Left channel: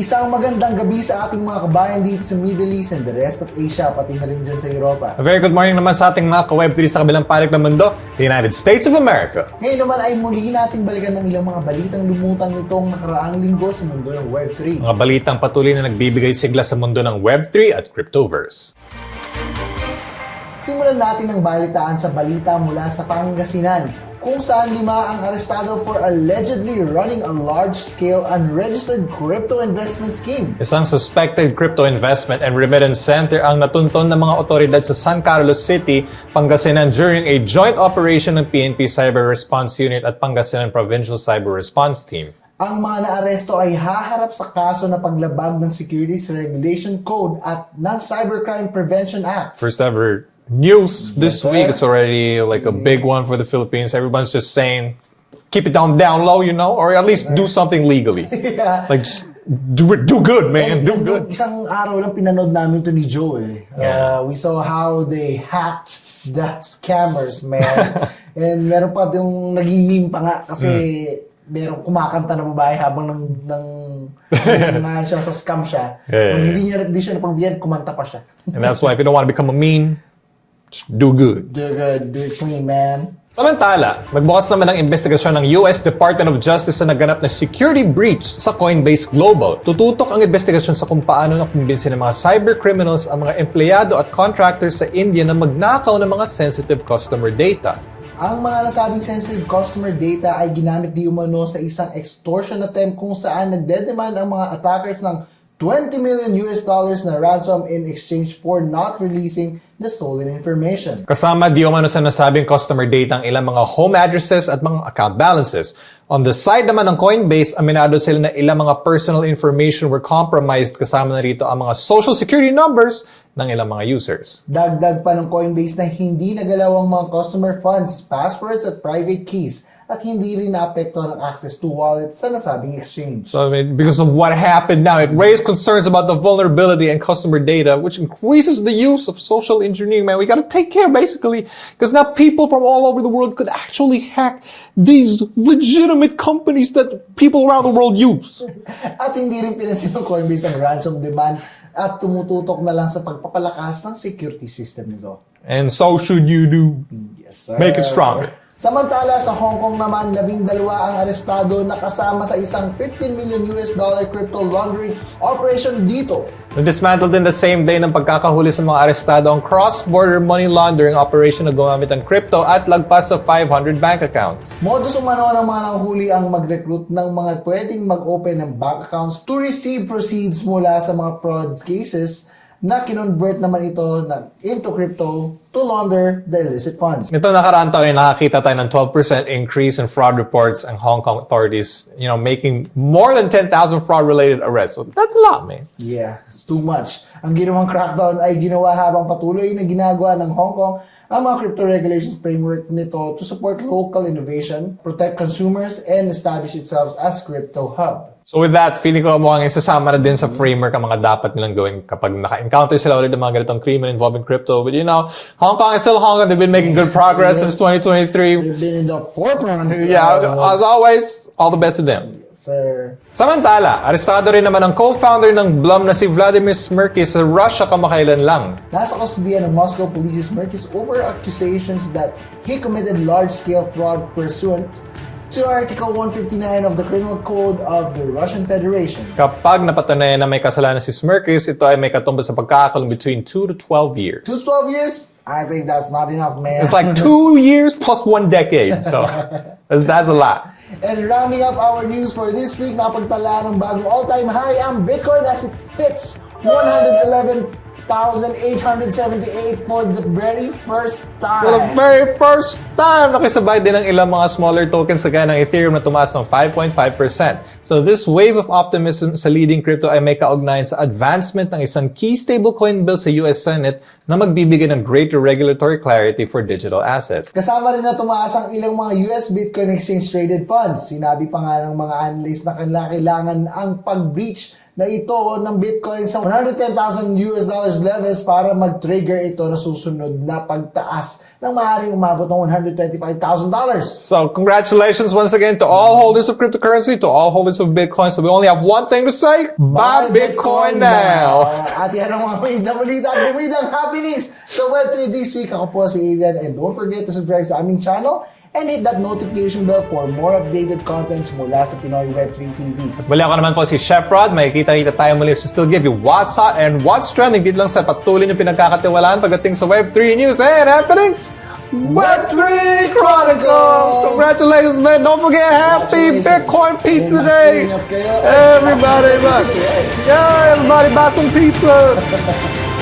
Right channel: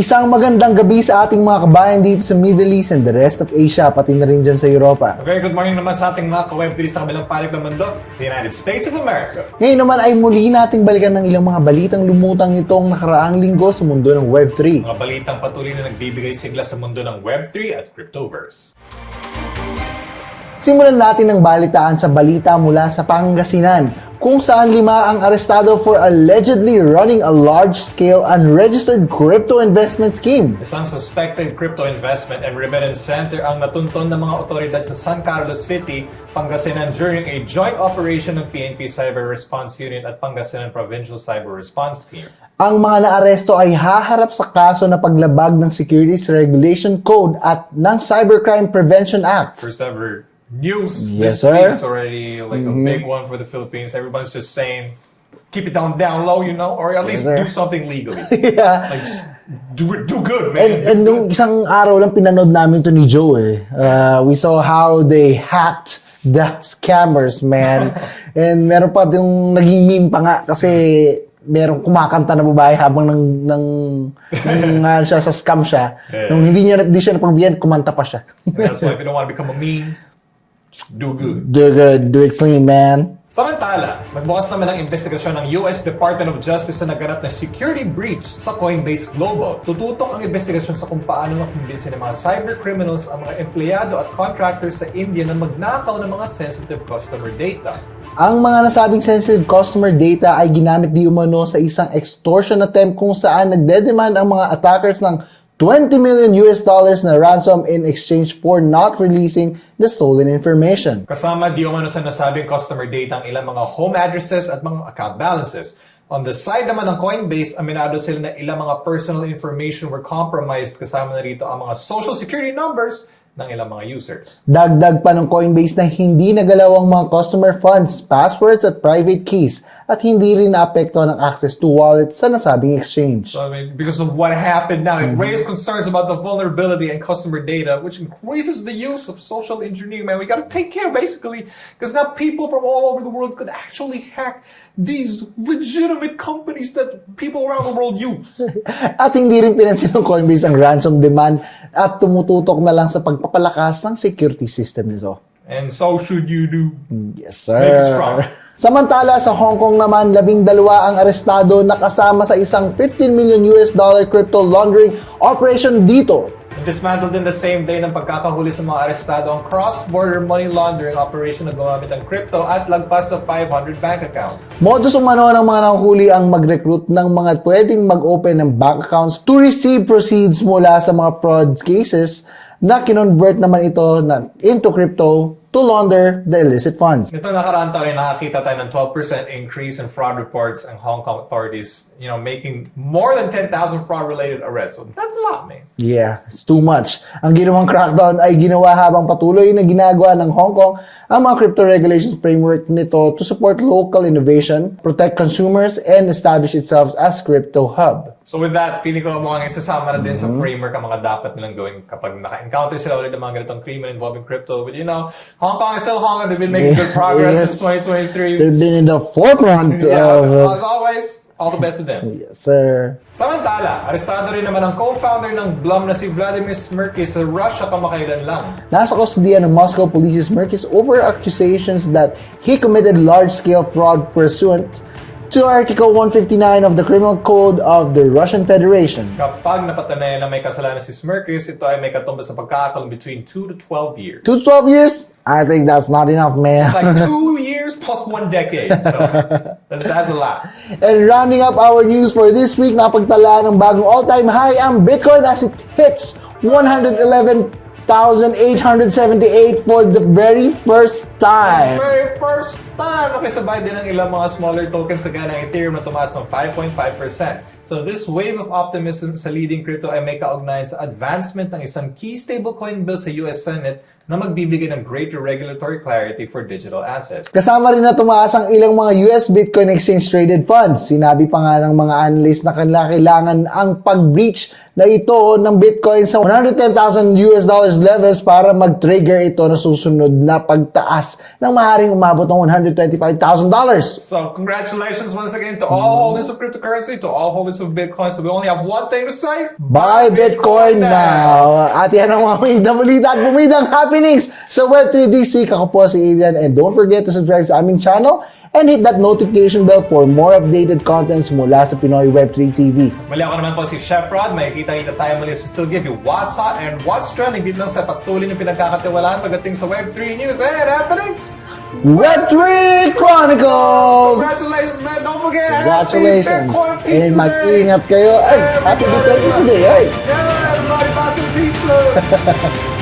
Isang magandang gabi sa ating mga kabayan dito sa Middle East and the rest of Asia, pati na rin dyan sa Europa. A very good morning naman sa ating mga ka-Web3 sa kabilang panig ng mundo, the United States of America. Ngayon naman ay muli nating balikan ng ilang mga balitang lumutang nitong nakaraang linggo sa mundo ng Web3. Mga balitang patuloy na nagbibigay sigla sa mundo ng Web3 at Cryptoverse. Simulan natin ang balitaan sa balita mula sa Pangasinan, kung saan 5 ang arestado for allegedly running a large-scale unregistered crypto investment scheme. Isang suspected crypto investment and remittance center ang natunton ng mga otoridad sa San Carlos City, Pangasinan during a joint operation ng PNP Cyber Response Unit at Pangasinan Provincial Cyber Response Team. Ang mga naaresto ay haharap sa kaso na paglabag ng Securities Regulation Code at ng Cybercrime Prevention Act. First ever news Yes, this sir. week. It's already like a big one for the Philippines. Everyone's just saying, keep it down low, you know, or at least sir. do something legally. Yeah. Like just do good, man. And nung isang araw lang pinanood namin to ni Joe eh. We saw how they hacked the scammers, man. And meron pa yung naging meme pa nga kasi merong kumakanta na babae habang siya sa scam siya. Yeah. Nung hindi siya napagbigyan, kumanta pa siya. And that's why if you don't want to become a meme, just do good. Do good, do it clean, man. Samantala, nagbukas naman ng investigasyon ng US Department of Justice sa naganap na security breach sa Coinbase Global. Tututok ang investigasyon sa kung paano nakumbinsin ng mga cyber criminals ang mga empleyado at contractors sa India na magnakaw ng mga sensitive customer data. Ang mga nasabing sensitive customer data ay ginamit di umano sa isang extortion attempt kung saan nagdedemand ang mga attackers ng $20 million na ransom in exchange for not releasing the stolen information. Kasama di umano sa nasabing customer data ang ilang mga home addresses at mga account balances. On the side naman ng Coinbase, aminado sila na ilang mga personal information were compromised, kasama na rito ang mga social security numbers ng ilang mga users. Dagdag pa ng Coinbase na hindi nagalaw ang mga customer funds, passwords at private keys at hindi rin naapektuhan ang access to wallets sa nasabing exchange. So, I mean, because of what happened now, it raised concerns about the vulnerability and customer data, which increases the use of social engineering, man. We gotta take care, basically, because now people from all over the world could actually hack these legitimate companies that people around the world use. At hindi rin pinansin ng Coinbase ang ransom demand at tumututok na lang sa pagpapalakas ng security system nito. And so should you do. Yes, sir. Make it stronger. Samantala, sa Hong Kong naman, 12 ang arestado na kasama sa isang $15 million crypto laundering operation dito. Dismantled in the same day ng pagkakahuli sa mga arestado ang cross-border money laundering operation na gumamit ng crypto at lagpas sa 500 bank accounts. Modus umano ng mga nanghuli ang mag-recruit ng mga pwedeng mag-open ng bank accounts to receive proceeds mula sa mga fraud cases na kinonvert naman ito into crypto to launder the illicit funds. Nito nakaraan taon ay nakakita tayo ng 12% increase in fraud reports ang Hong Kong authorities, making more than 10,000 fraud-related arrests. So that's a lot, man. Yeah, it's too much. Ang ginawang crackdown ay ginawa habang patuloy na ginagawa ng Hong Kong ang mga crypto regulations framework nito to support local innovation, protect consumers, and establish itself as crypto hub. So with that, feeling ko mukhang isasama na din sa framework ang mga dapat nilang gawin kapag naka-encounter sila ulit ng mga ganitong krimen involving crypto. But Hong Kong is still Hong Kong. They've been making good progress since 2023. They've been in the forefront. Yeah, as always, all the best to them. Yes, sir. Samantala, arestado rin naman ang co-founder ng Blum na si Vladimir Smirkis sa Russia kamakailan lang. Nasa kustodiya ng Moscow Police Smirkis over accusations that he committed large-scale fraud pursuant to Article 159 of the Criminal Code of the Russian Federation. Kapag napatunayan na may kasalanan si Smirkis, ito ay may katumbas sa pagkakakulong between 2 to 12 years. 2 to 12 years? I think that's not enough, man. It's like 2 years plus 1 decade. So, that's a lot. And rounding up our news for this week, napagtalaan ng bagong all-time high ang Bitcoin as it hits 111,878 for the very first For time. the very first time, nakisabay din ang ilang mga smaller tokens sa gaya ng Ethereum na tumaas ng 5.5%. So this wave of optimism sa leading crypto ay may kaugnayan sa advancement ng isang key stablecoin bill sa US Senate na magbibigay ng greater regulatory clarity for digital assets. Kasama rin na tumaas ang ilang mga US Bitcoin Exchange Traded Funds. Sinabi pa nga ng mga analyst na kailangan ang pag-breach na ito ng Bitcoin sa $110,000 levels para mag-trigger ito na susunod na pagtaas ng maaaring umabot ng $125,000. So, congratulations once again to all holders of cryptocurrency, to all holders of Bitcoin. So, we only have one thing to say. Buy Bitcoin now! At yan ang mga balita at bumidang happenings sa Web3 this week. Ako po si Adrian, and don't forget to subscribe sa aming channel and hit that notification bell for more updated contents mula sa Pinoy Web3 TV. Muli ako naman po si Chef Rod. Makikita-kita tayo muli to still give you what's hot and what's trending dito lang sa patuloy ng pinagkakatiwalaan pagdating sa Web3 news and happenings. Web3 Chronicles! Congratulations, man! Don't forget, happy Bitcoin Pizza Day! Mag-ingat kayo. Everybody, Happy Bitcoin Pizza Day. yeah, everybody buy some pizza!